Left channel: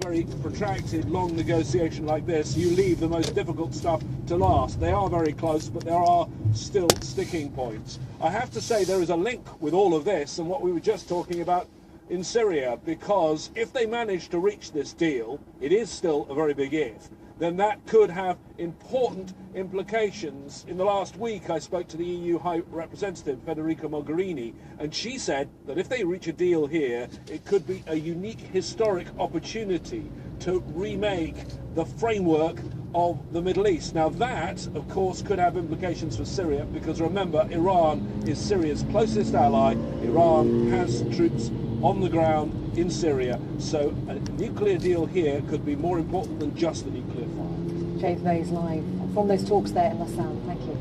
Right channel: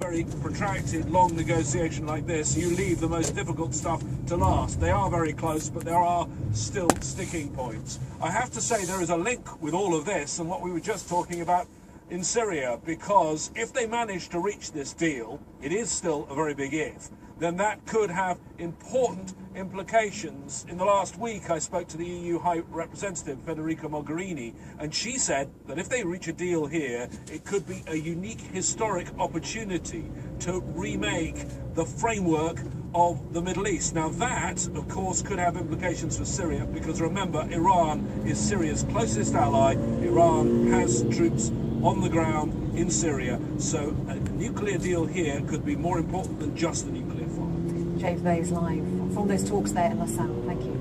Very protracted, long negotiation like this, you leave the most difficult stuff to last. They are very close, but there are still sticking points. I have to say there is a link with all of this and what we were just talking about in Syria, because if they manage to reach this deal, it is still a very big if, then that could have important implications. In the last week, I spoke to the EU High Representative, Federica Mogherini, and she said that if they reach a deal here, it could be a unique historic opportunity to remake the framework of the Middle East. Now that, of course, could have implications for Syria, because remember, Iran is Syria's closest ally. Iran has troops on the ground in Syria, so a nuclear deal here could be more important than just a nuclear file. James Mays live from those talks there in Lausanne. Thank you.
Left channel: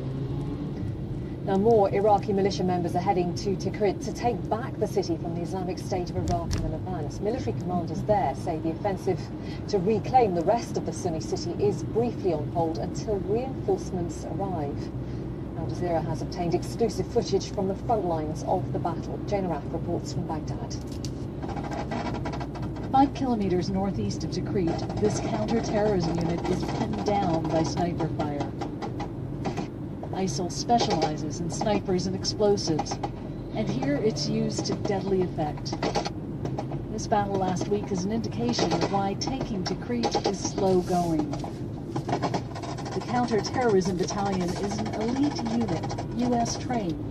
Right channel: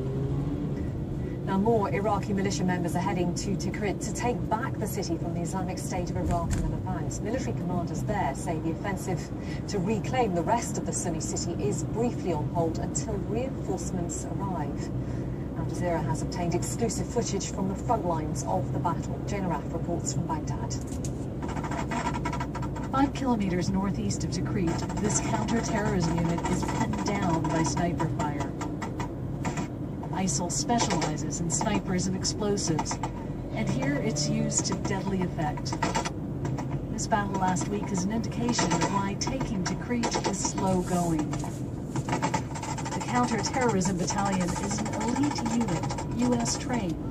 Now, more Iraqi militia members are heading to Tikrit to take back the city from the Islamic State of Iraq and the Levant. Military commanders there say the offensive to reclaim the rest of the Sunni city is briefly on hold until reinforcements arrive. Al Jazeera has obtained exclusive footage from the front lines of the battle. Jane Araf reports from Baghdad. 5 kilometers northeast of Tikrit, this counter-terrorism unit is pinned down by sniper fire. ISIL specializes in snipers and explosives, and here it's used to deadly effect. This battle last week is an indication of why taking Tikrit is slow going. The counter-terrorism battalion is an elite unit, U.S. trained.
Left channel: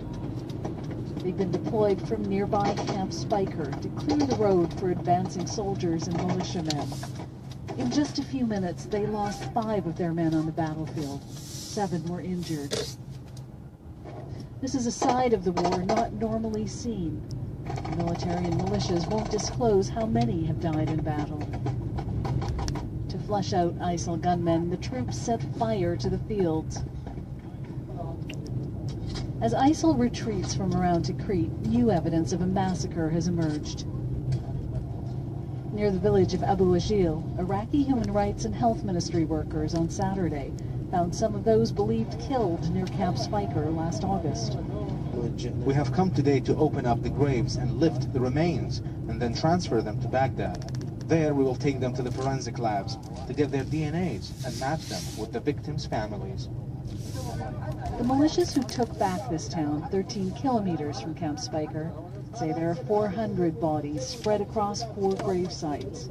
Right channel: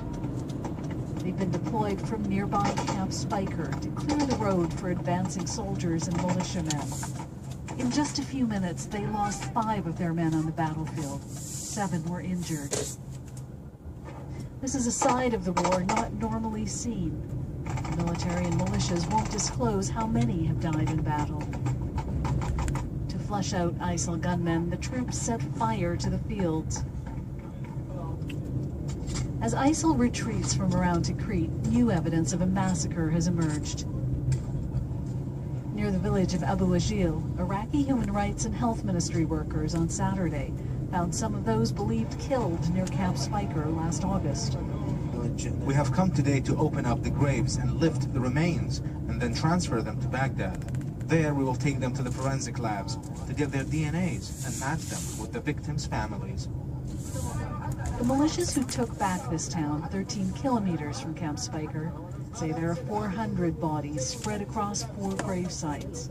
They've been deployed from nearby Camp Spiker to clear the road for advancing soldiers and militiamen. In just a few minutes, they lost 5 of their men on the battlefield. 7 were injured. This is a side of the war not normally seen. The military and militias won't disclose how many have died in battle. To flush out ISIL gunmen, the troops set fire to the fields. As ISIL retreats from around Tikrit, new evidence of a massacre has emerged. Near the village of Abu Ajil, Iraqi human rights and health ministry workers on Saturday found some of those believed killed near Camp Spiker last August. We have come today to open up the graves and lift the remains and then transfer them to Baghdad. There we will take them to the forensic labs to get their DNAs and match them with the victims' families. The militias who took back this town, 13 kilometers from Camp Spiker, say there are 400 bodies spread across 4 grave sites.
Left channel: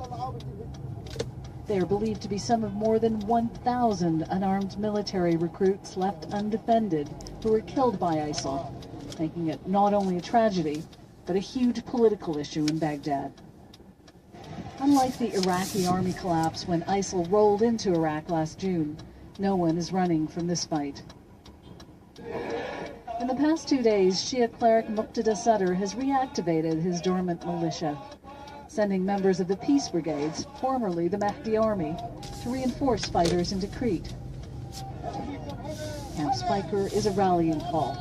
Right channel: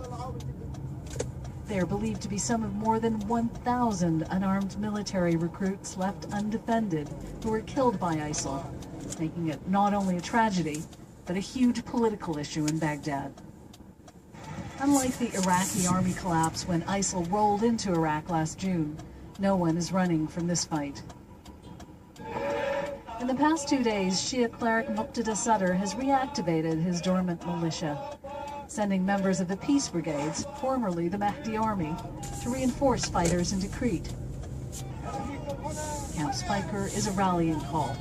They are believed to be some of more than 1,000 unarmed military recruits left undefended who were killed by ISIL, making it not only a tragedy, but a huge political issue in Baghdad. Unlike the Iraqi army collapse when ISIL rolled into Iraq last June, no one is running from this fight. In the past 2 days, Shia cleric Muqtada Sadr has reactivated his dormant militia, sending members of the Peace Brigades, formerly the Mahdi Army, to reinforce fighters in Tikrit. Camp Spiker is a rallying call.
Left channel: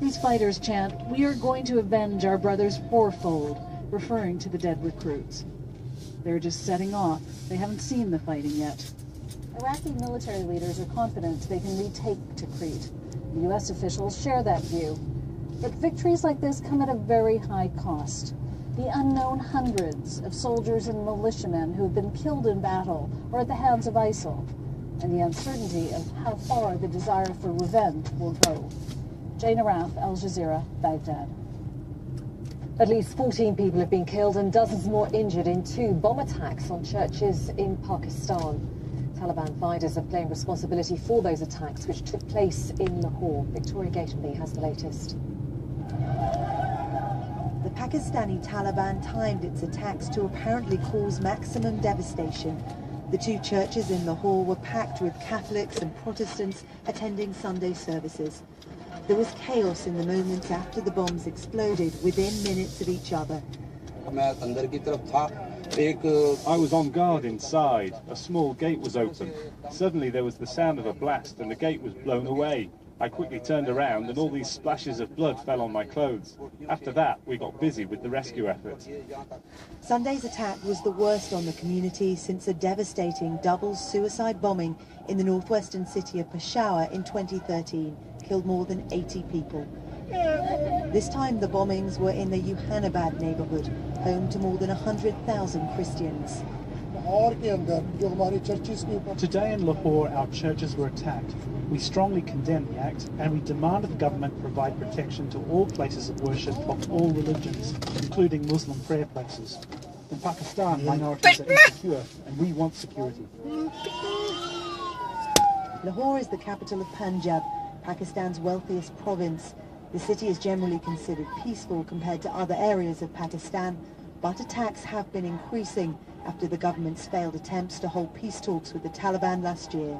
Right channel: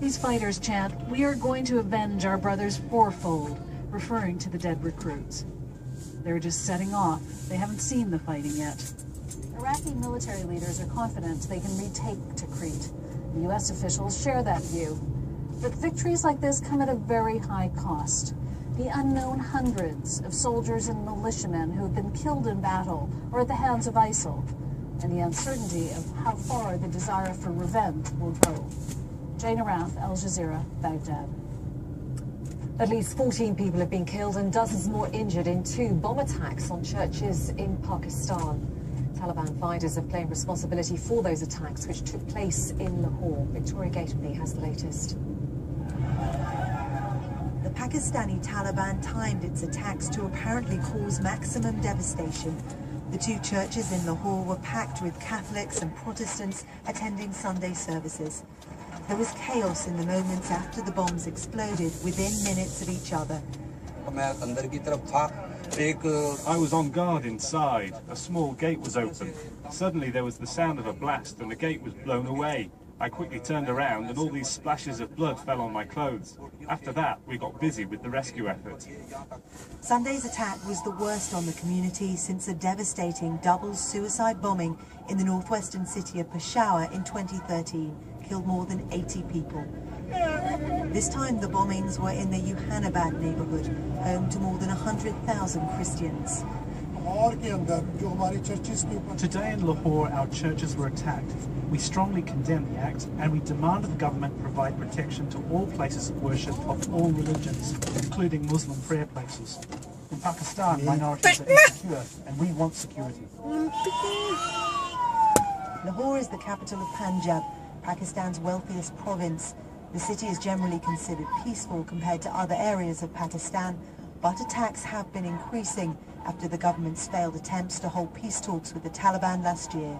These fighters chant, "We are going to avenge our brothers fourfold," referring to the dead recruits. They're just setting off. They haven't seen the fighting yet. Iraqi military leaders are confident they can retake Tikrit. The U.S. officials share that view. But victories like this come at a very high cost. The unknown hundreds of soldiers and militiamen who have been killed in battle or at the hands of ISIL, and the uncertainty of how far the desire for revenge will go. Jane Araf, Al Jazeera, Baghdad. At least 14 people have been killed and dozens more injured in 2 bomb attacks on churches in Pakistan. Taliban fighters have claimed responsibility for those attacks, which took place in Lahore. Victoria Gatenby has the latest. The Pakistani Taliban timed its attacks to apparently cause maximum devastation. The 2 churches in Lahore were packed with Catholics and Protestants attending Sunday services. There was chaos in the moments after the bombs exploded within minutes of each other. I was on guard inside. A small gate was open. Suddenly there was the sound of a blast and the gate was blown away. I quickly turned around and all these splashes of blood fell on my clothes. After that, we got busy with the rescue effort. Sunday's attack was the worst on the community since a devastating double suicide bombing in the northwestern city of Peshawar in 2013 killed more than 80 people. This time the bombings were in the Yohanabad neighborhood, home to more than 100,000 Christians. Today in Lahore, our churches were attacked. We strongly condemn the act and we demand that the government provide protection to all places of worship of all religions, including Muslim prayer places. In Pakistan, minorities are insecure and we want security. Lahore is the capital of Punjab, Pakistan's wealthiest province. The city is generally considered peaceful compared to other areas of Pakistan, but attacks have been increasing after the government's failed attempts to hold peace talks with the Taliban last year.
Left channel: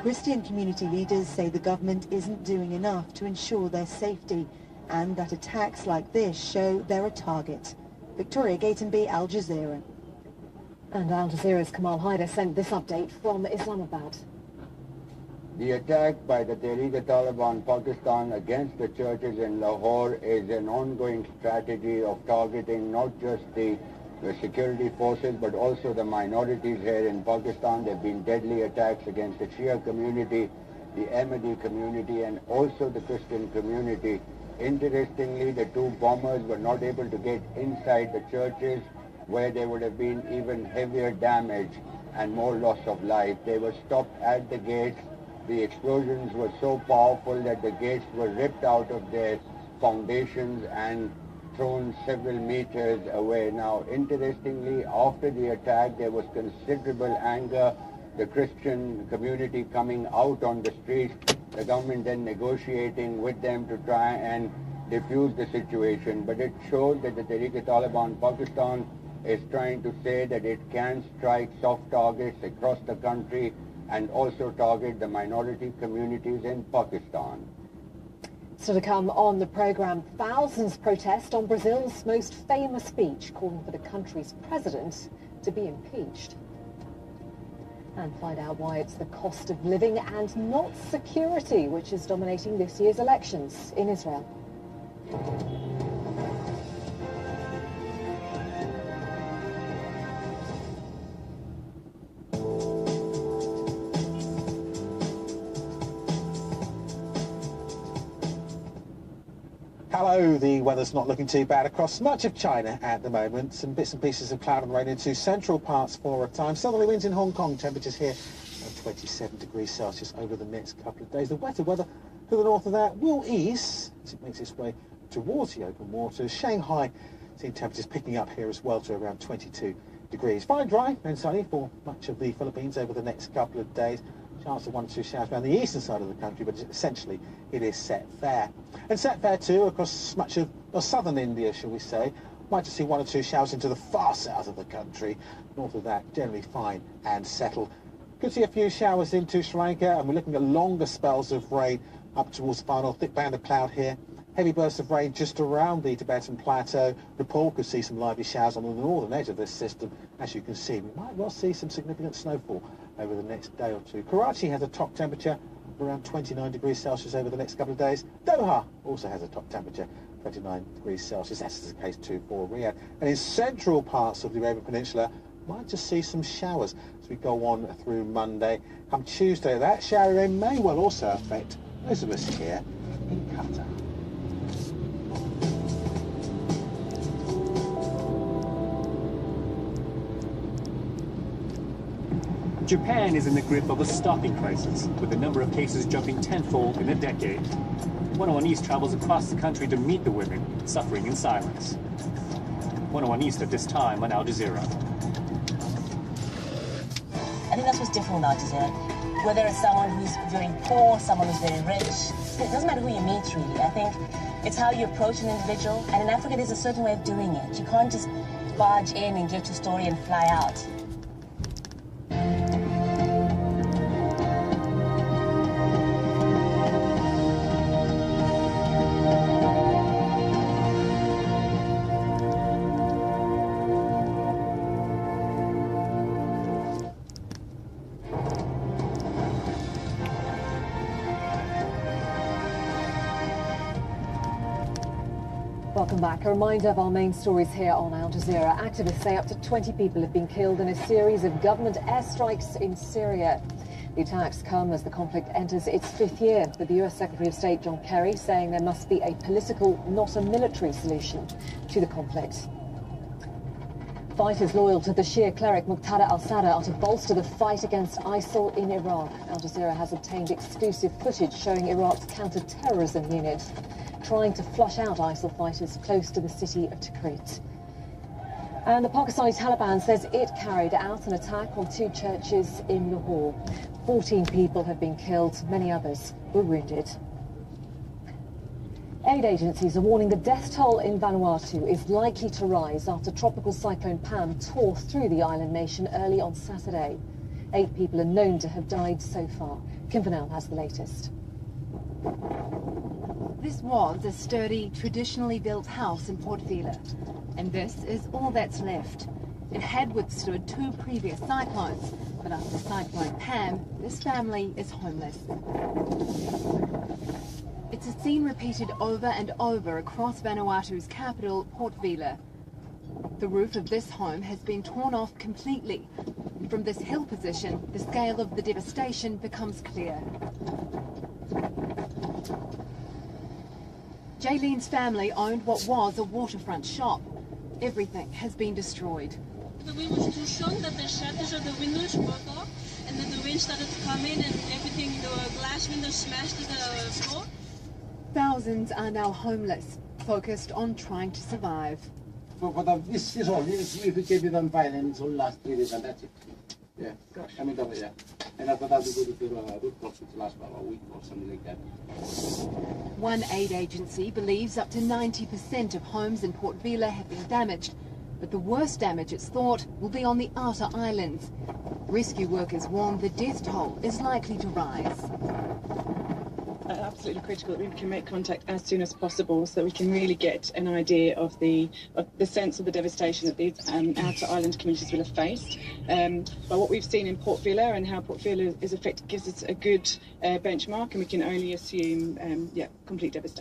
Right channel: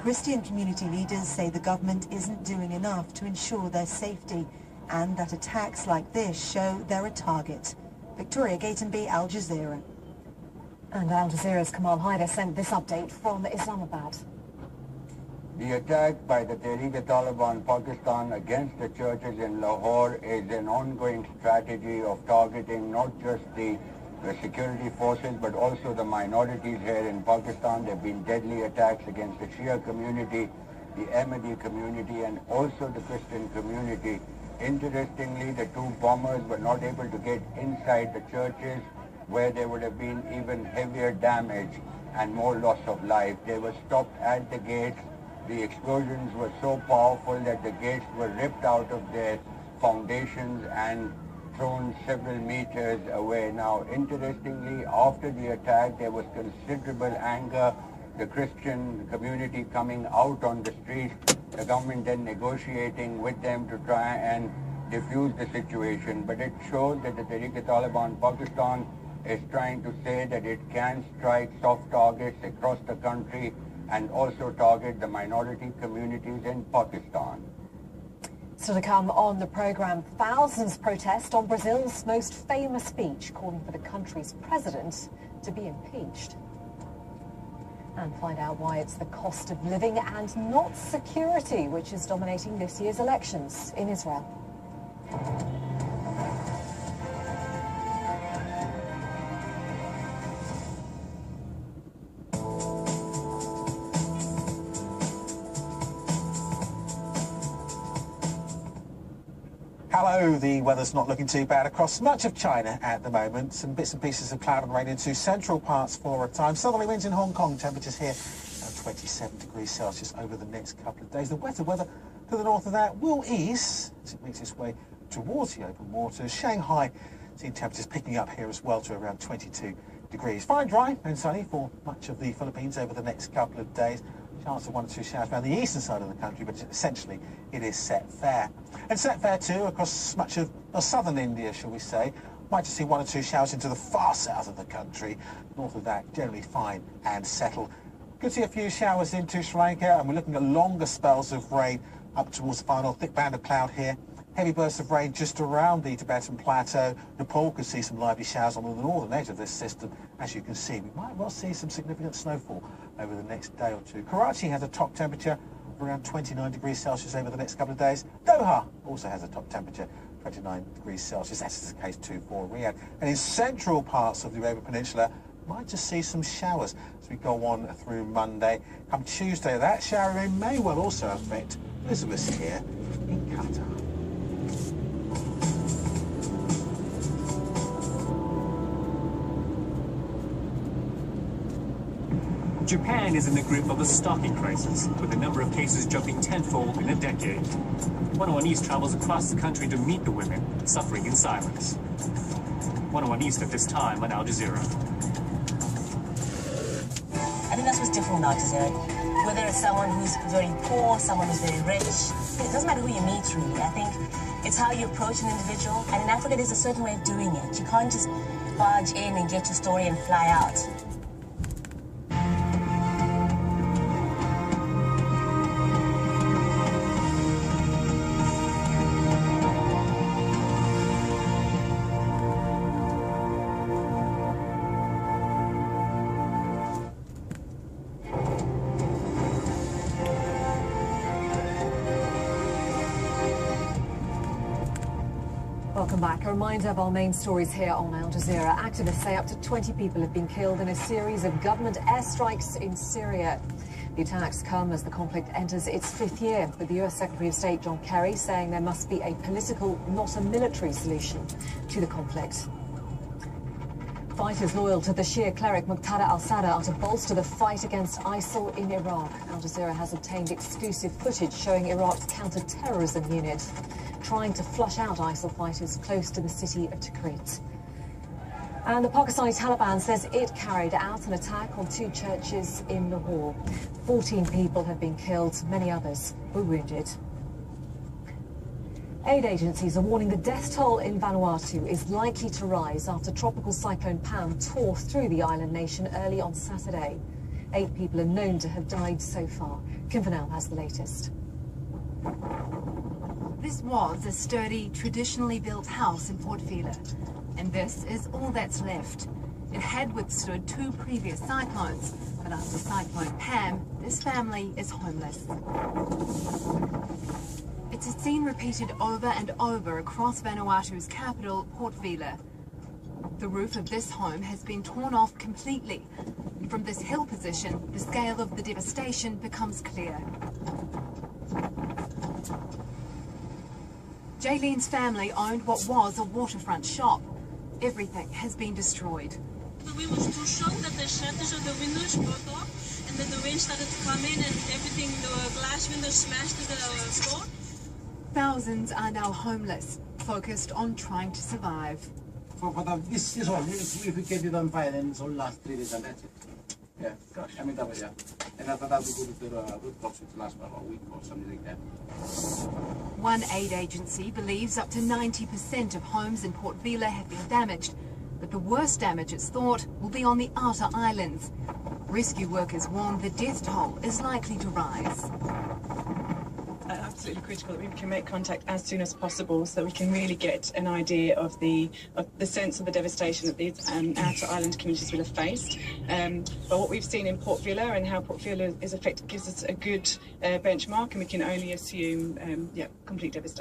Christian community leaders say the government isn't doing enough to ensure their safety and that attacks like this show they're a target. Victoria Gatenby, Al Jazeera. And Al Jazeera's Kamal Haider sent this update from Islamabad. The attack by the Tehreek-e-Taliban Pakistan against the churches in Lahore is an ongoing strategy of targeting not just the security forces but also the minorities here in Pakistan. There have been deadly attacks against the Shia community, the Ahmadi community and also the Christian community. Interestingly, the two bombers were not able to get inside the churches where there would have been even heavier damage and more loss of life. They were stopped at the gates. The explosions were so powerful that the gates were ripped out of their foundations and thrown several meters away. Now, interestingly, after the attack, there was considerable anger, the Christian community coming out on the streets, the government then negotiating with them to try and defuse the situation. But it showed that the Tehreek-e-Taliban Pakistan is trying to say that it can strike soft targets across the country and also target the minority communities in Pakistan. Still to come on the programme, thousands protest on Brazil's most famous beach, calling for the country's president to be impeached. And find out why it's the cost of living and not security which is dominating this year's elections in Israel. Hello, the weather's not looking too bad across much of China at the moment. Some bits and pieces of cloud and rain into central parts for a time. Southerly winds in Hong Kong, temperatures here at 27 degrees Celsius over the next couple of days. The wetter weather to the north of that will ease as it makes its way towards the open waters. Shanghai, seeing temperatures picking up here as well to around 22 degrees. Fine, dry and sunny for much of the Philippines over the next couple of days. Chance of 1 or 2 showers around the eastern side of the country, but essentially it is set fair. And set fair too across much of southern India, shall we say. Might just see 1 or 2 showers into the far south of the country. North of that, generally fine and settled. Could see a few showers into Sri Lanka, and we're looking at longer spells of rain up towards the far north. Thick band of cloud here. Heavy bursts of rain just around the Tibetan Plateau. Nepal could see some lively showers on the northern edge of this system. As you can see, we might well see some significant snowfall over the next day or two. Karachi has a top temperature of around 29 degrees Celsius over the next couple of days. Doha also has a top temperature, 29 degrees Celsius. That is the case too for Riyadh. And in central parts of the Arabian Peninsula, might just see some showers as we go on through Monday. Come Tuesday, that shower rain may well also affect those of us here in Qatar. Japan is in the grip of a stalking crisis, with the number of cases jumping tenfold in a decade. 101 East travels across the country to meet the women suffering in silence. 101 East at this time on Al Jazeera. I think that's what's different now, whether it's someone who's very poor, someone who's very rich. It doesn't matter who you meet, really. I think it's how you approach an individual. And in Africa, there's a certain way of doing it. You can't just barge in and get your story and fly out. Welcome back. A reminder of our main stories here on Al Jazeera. Activists say up to 20 people have been killed in a series of government airstrikes in Syria. The attacks come as the conflict enters its 5th year, with the US Secretary of State John Kerry saying there must be a political, not a military solution to the conflict. Fighters loyal to the Shia cleric Muqtada al-Sadr are to bolster the fight against ISIL in Iraq. Al Jazeera has obtained exclusive footage showing Iraq's counter-terrorism unit trying to flush out ISIL fighters close to the city of Tikrit. And the Pakistani Taliban says it carried out an attack on 2 churches in Lahore. 14 people have been killed, many others were wounded. Aid agencies are warning the death toll in Vanuatu is likely to rise after tropical cyclone Pam tore through the island nation early on Saturday. 8 people are known to have died so far. Kim Vanel has the latest. This was a sturdy, traditionally built house in Port Vila, and this is all that's left. It had withstood 2 previous cyclones, but after Cyclone Pam, this family is homeless. It's a scene repeated over and over across Vanuatu's capital, Port Vila. The roof of this home has been torn off completely, and from this hill position, the scale of the devastation becomes clear. Jaylene's family owned what was a waterfront shop. Everything has been destroyed. We were too shocked that the shutters of the windows broke off and that the wind started to come in and everything, the glass windows smashed to the floor. Thousands are now homeless, focused on trying to survive. This is all. If we keep it on fire, then it's all last 3 days and that's it. Yeah. Gosh. I mean, yeah. And after that, we go to the root crops, which lasts about a week or something like that. One aid agency believes up to 90% of homes in Port Vila have been damaged, but the worst damage, it's thought, will be on the outer islands. Rescue workers warn the death toll is likely to rise. Absolutely critical that we can make contact as soon as possible so that we can really get an idea of the sense of the devastation that these outer island communities will have faced. But what we've seen in Port Vila and how Port Vila is affected gives us a good benchmark, and we can only assume complete devastation.